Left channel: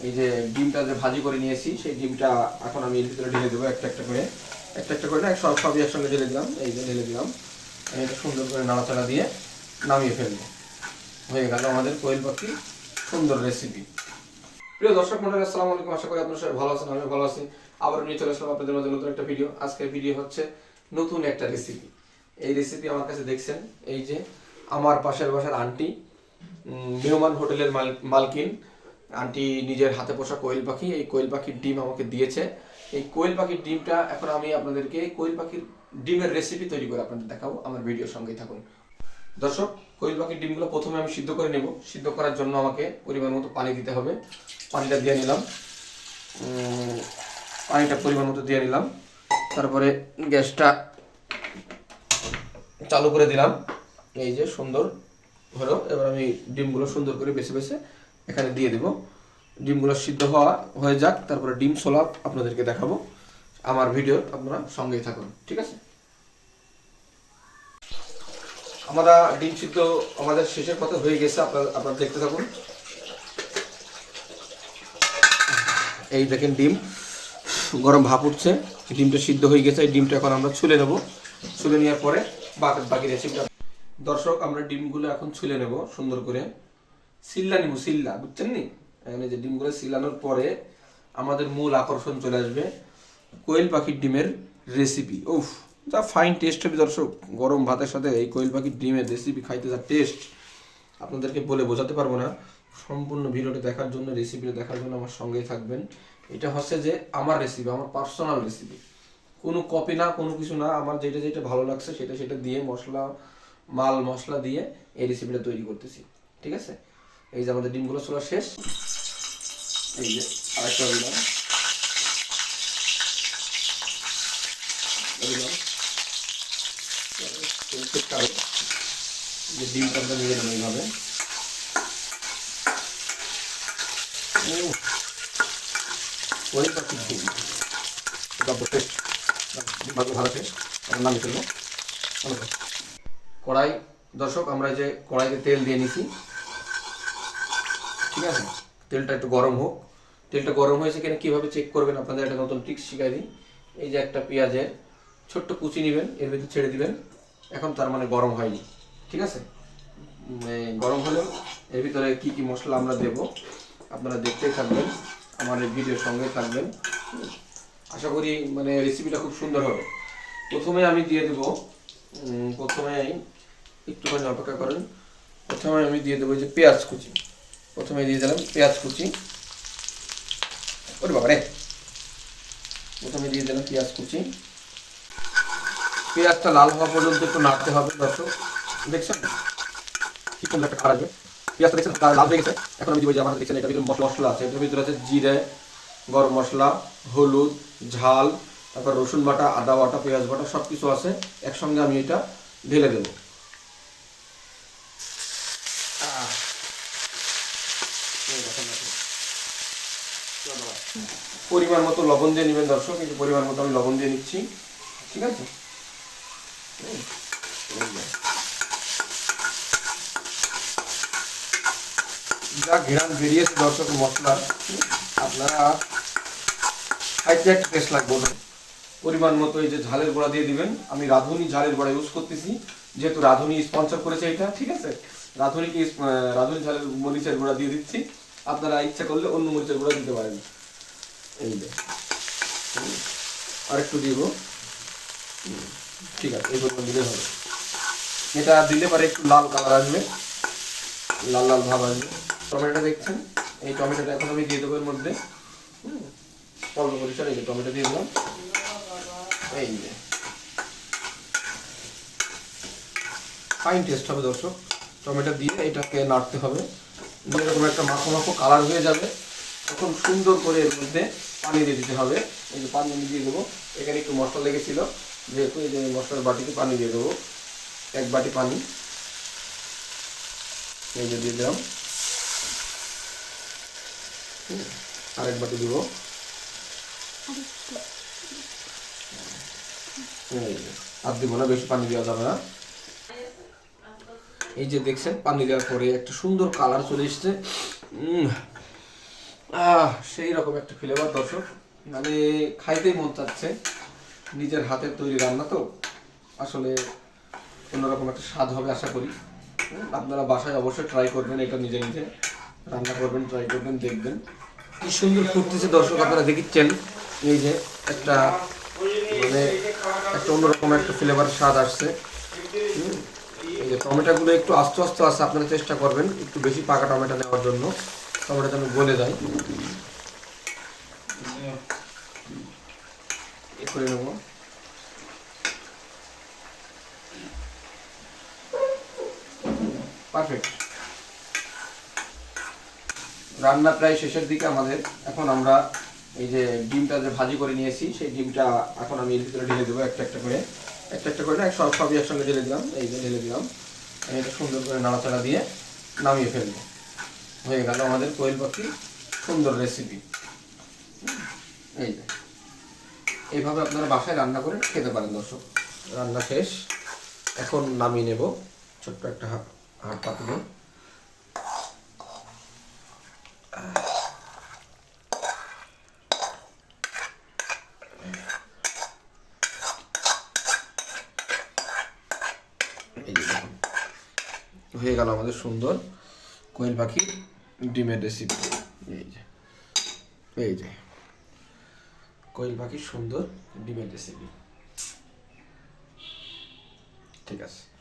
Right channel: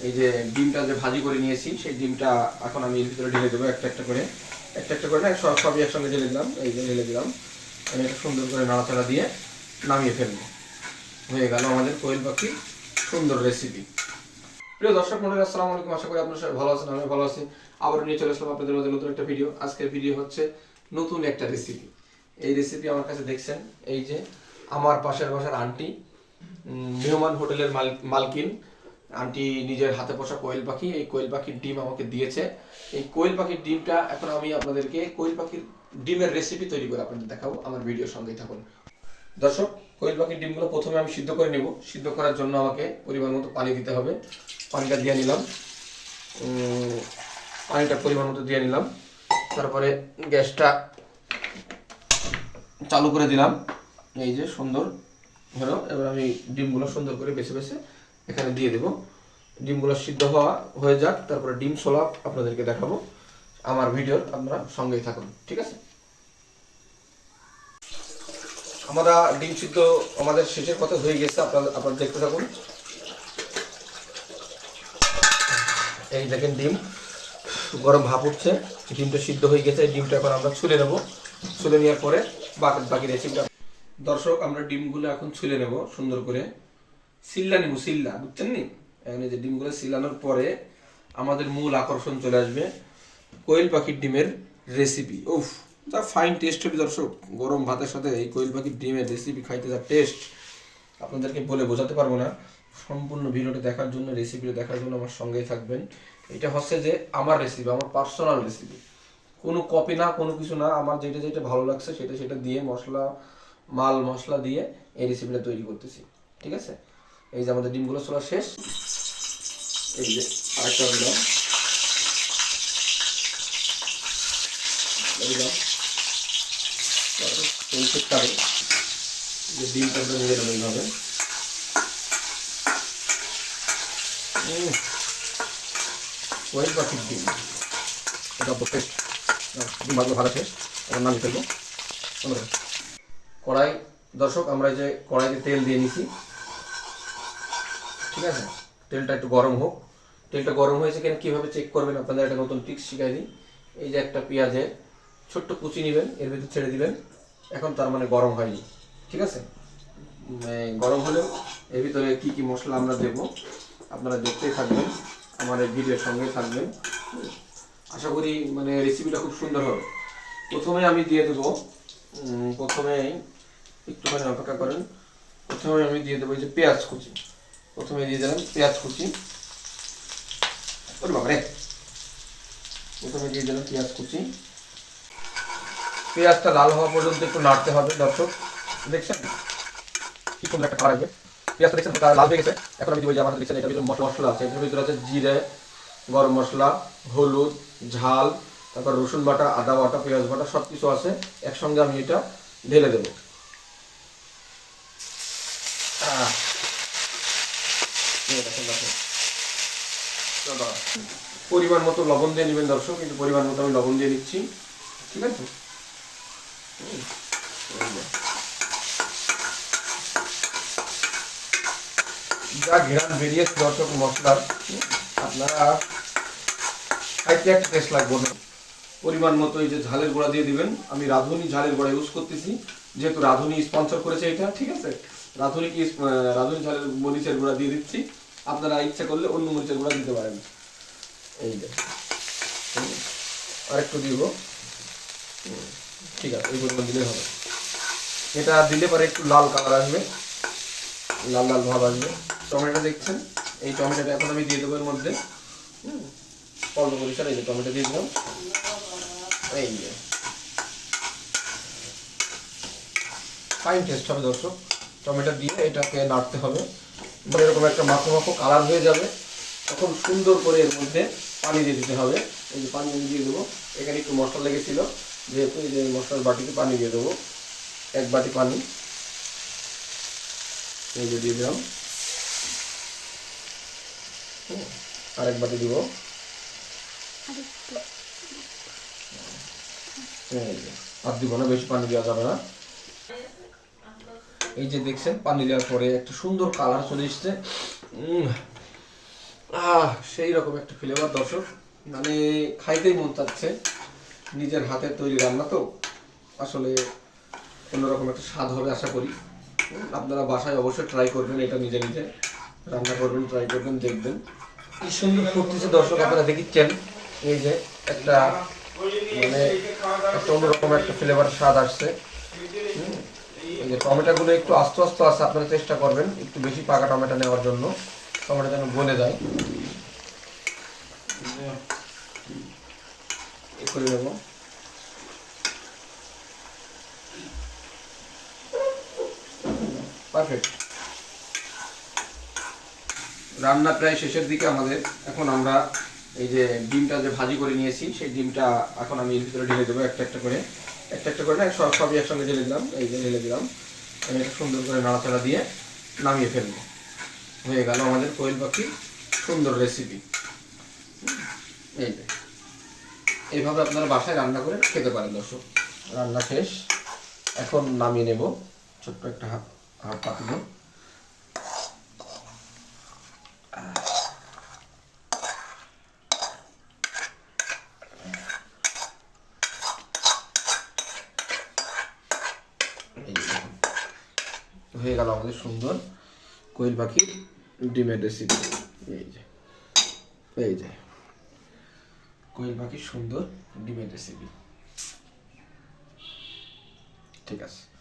এই যে ডিমটা যে ভাজি করে নিয়েছি, সেই ডিমটা এখন আমি এর ভিতরে ঢেলে দেবো একটা একটা করে। একটা একটা করে না, সব সবই একসঙ্গে ঢেলে দিলাম, এই যে ঢেলে দিলাম। এটা সুন্দর করে নাড়াচাড়া দিয়ে নামিয়ে ফেলব। হয়ে গেল আমাদের কোয়েল পাখি সুন্দর রেসিপি প্রিয় দর্শক মন্ডলী, আসসালামু আলাইকুম। আশা করি আপনারা সবাই ভালো আছেন আমি ভালো আছি। আবার নিয়ে চলে আসলাম আপনাদের মাঝে নতুন একটা ভিডিও আজকের ভিডিও হচ্ছে নতুন একটা রেসিপি এই রেসিপি আমার কাছে দেখছেন, এই যে আমার পাশের বাসার আন্টি মেহমান হোটেলের মাল- মালকিন। আন্টি নিজের হাতে পোষা কোয়েল পাখি, এই কোয়েল পাখির ডিম আমাকে দিয়েছে। এই কোয়েল পাখির ডিমটা এখন আমি আপনাদেরকে কোয়েল পাখির ডিমের রেসিপি তৈরি করে আপনাদের দেখাবো। আমার ভিডিওর সঙ্গেই থাকুন। দর্শক, কোয়েল পাখির ডিমগুলো প্রথমে আমি সিদ্ধ করে নেব। সিদ্ধ করার জন্য আমাকে পরিমাণ মতো পানি দিতে হবে। পানিটা দিয়ে নিলাম। পানিটা পরিমাণ মতো দিয়ে নিলাম। তারপরে গ্যাসটা চালু করে দিলাম। এই যে সুন্দর হলো। এবার আমি ডিমগুলো সুন্দর করে বেছে বেছে এখানে দিয়ে দেব। ডিমগুলো সিদ্ধ হওয়া হয়ে যাক, তারপরে ডিম সোলা আপনাদেরকে দেখাবো। আমার ভিডিও আপনারা সঙ্গেই থাকুন, ঠিক আছে? আমরা ডিম সিদ্ধ আমাদের শেষের পথে হয়ে গেছে, আপনারা আপনারা দেখতে থাকুন। এই দেখেন ডিম, গরম ভাপ উঠছে, ডিমটা সিদ্ধ হয়ে গেছে, ডিমটা এখন আমরা ছুলে নেব। ছুলে নেওয়ার পরে বাকি বাকি রেসিপিটা দর্শক, আমরা ডিমগুলো এখন ছুলে নেব সুন্দর করে। সিল্লা নিব সিল্লা, বুঝছেন নি? এখানে যে ডিমগুলো সিলানোর পরে আমাদের মূল আকর্ষণ চলে আসবে কোয়েল পাখির ডিমের রেসিপি উফ, যা ফাইন টেস্ট হবে দর্শক। গরম ভাতের সাথে এই কোয়েল পাখির ডিমের রেসিপি খাইতে যা টেস্ট আপনাদেরকে বলে বোঝাতে পারব না। সম্পূর্ণ ভিডিওটা দেখার জন্য রেসিপিটা দেখার জন্য আমার সঙ্গেই থাকবেন। এটা হচ্ছে যে আমার রেসিপি আমার পার্সোনাল রেসিপি কোনো কপি না, কোনো কিছু না, আমার যেটা যেটা ভালো লাগছে, সেটা সেটা দিয়ে মশলা, মাল মশলা দিয়ে এই রেসিপিটা তৈরি করতেছি। ঠিক আছে? এই যে আমাদের ডিমগুলো চলা শেষ। এই যে আরেকটা দিলাম দিলাম এই যে ডিমটা নিয়ে গেলাম এইভাবে। ওই কড়াই, দর্শক, আমরা যে কড়াইতে তেল দিয়ে নিছি। ঠিক আছে? তেলটা একটু গরম হোক। তেলটা গরম হয়েছে কিনা কীভাবে চেক করবেন আপনাদের? একটা নতুন ট্রিক্স শিখাই দিই। এই যে একটা পেঁয়াজের ছোট্ট কুচি নেবেন, এর ভিতর ছেড়ে দিবেন। এখন তার মানে গরম হয়নি, ঠিক আছে? মানে গরম হলেও এর ভিতরে কি কি মশলা আমরা দেব, আপনারা দেখতেই থাকবেন আমাদের ভিডিওর সঙ্গে থাকবেন। আশা করি মানে রেসিপিটা খুব সুন্দর হবে। প্রথমে আমি দিয়ে দেবো প্রথমে একটুখানি অপেক্ষা করেন। প্রথমে আমি দিয়ে দেবো যে পেঁয়াজ কুচি। প্রথমে দিয়ে দিলাম পেঁয়াজ কুচি। ওরে বাবা রে। প্রথমে দিয়ে দিলাম পেঁয়াজ কুচি। পেঁয়াজটা লাল হওয়া পর্যন্ত একটু নাড়তে হবে, দর্শক। দেখছেন? কি সুন্দর একটা আসবে পেঁয়াজটা দেখছেন? লাল হয়ে গেছে। এখন আমি দিব আমার দেখছেন, এটার ভিতরে মশলা আছে। এটার ভিতরে আছে জিরে, গরম মশলা, হলুদ, ঝাল, তারপর রসুন বাটা, আদা বাটা, পেঁয়াজ বাটা সব কিছু আছে। একসঙ্গে আমি এটা ঢেলে দেবো আহ। এই দেখেন, দেখেন। চলো। পরিমাণ মতো লবণ দিয়ে নেবেন দর্শক কিন্তু পরিমাণ মতো আমি লবণ দিয়ে নিচ্ছি ঠিক আছে? যে। ঘেরান বেরিয়েছে দর্শক মশলার। আপনারা খাইতে একটা টেস্ট লাগবে পরিমাণ মতো এই যে ঝালের গোড়া দিয়ে দিবেন। আমি রাঁধুনি ঝালের গোড়া ইউজ করতেছি যেহেতু রাঁধুনি স্পন্সর করেছে এটা ঠিক আছে? রাঁধুনি কি আহ, রাঁধুনি ঝালের মরিচের গুঁড়া দিয়ে দিচ্ছি। আপনারা ইচ্ছা করলে অন্য মরিচের গুঁড়া দিতে পারেন। এই যে। আরেকটু দিব। ঠিক আছে, এই পরিমাণ দিলে হবে। এটা দিলে পরে একটু লাল কালার আসবে। লাল লাল ভাব আসবে। টমেটোটা দেখছেন? এই টমেটোটা এখন আমি দিয়ে দেবো এর মধ্যে। অল্প পরিষ্কার এই যে টমেটো দিয়ে দিলাম। এই যে। ফাইন টেস্ট হবে দর্শক। টমেটো দিয়ে এটাকে নাড়তে হবে। এরকম একটা মাখো মাখো কালার হয়ে যাবে। তখন সুন্দর করে এর মধ্যে পানি দিয়ে দিতে হবে। এই যে পানি আমি দিয়ে দেবো। এখানে একটু মশলা লেগেছিল। যেহেতু এই যে মশলার বাটিতে পানি দিয়ে দেবো। এক বাটি পানি। এই যে দিয়ে দিলাম। আরেক বাটি দিব। আর দিব না বেশি পানি দেওয়া যাবে না। এই যে দেখছেন, পানি দেওয়ার পরে একটা সুন্দর কালার চলে এসছে। সেই রকম একটা ফ্লেভার দর্শক। মানে খাইতেই মন চাচ্ছে, নিজের হাতের তৈরি রান্না তো। আসলে অন্যরকম একটা স্বাদ হবে আশা করি। আপনারা বাসায় অবশ্যই ট্রাই করবেন, এটা নিজে নিজে রান্না করবেন ট্রাই করবেন, দেখবেন। কি সুন্দর ফুটতেছে দর্শক, আপনারা দেখিচ্ছেন। এই যে একটা মানে একটা অন্যরকম একটা ফ্লেভার স্বাদ আসছে। যে টমেটোগুলো একটু আস্তে আস্তে আস্তে আপনারা চেষ্টা করবেন একটু বেশি পাকা টমেটো নেওয়ার জন্য। টমেটো যেন গলে যায়। করে নেব। পারফেক্ট। রান্না প্রায় শেষের দিকে আমাদের। এখন আমরা এই যে ডিমটা যে ভাজি করে নিয়েছি, সেই ডিমটা এখন আমি এর ভিতরে ঢেলে দেবো একটা একটা করে। একটা একটা করে না, সব সবই একসঙ্গে ঢেলে দিলাম, এই যে ঢেলে দিলাম। এটা সুন্দর করে নাড়াচাড়া দিয়ে নামিয়ে ফেলব। হয়ে গেল আমাদের কোয়েল পাখির সুন্দর রেসিপি এই এইভাবে আপনারা বাসায় রান্না করে খেতে পারেন, দর্শক। রান্না শেষ। এখন নামিয়ে নেব ছোট্ট একটা হাত হাত পাতলে এই যে দেখুন। হয়ে গেল আমাদের সুন্দর কোয়েল পাখির ডিমের রেসিপি এই যে এই যে, কোয়েল পাখির সুন্দর ডিমের রেসিপি ঠিক আছে।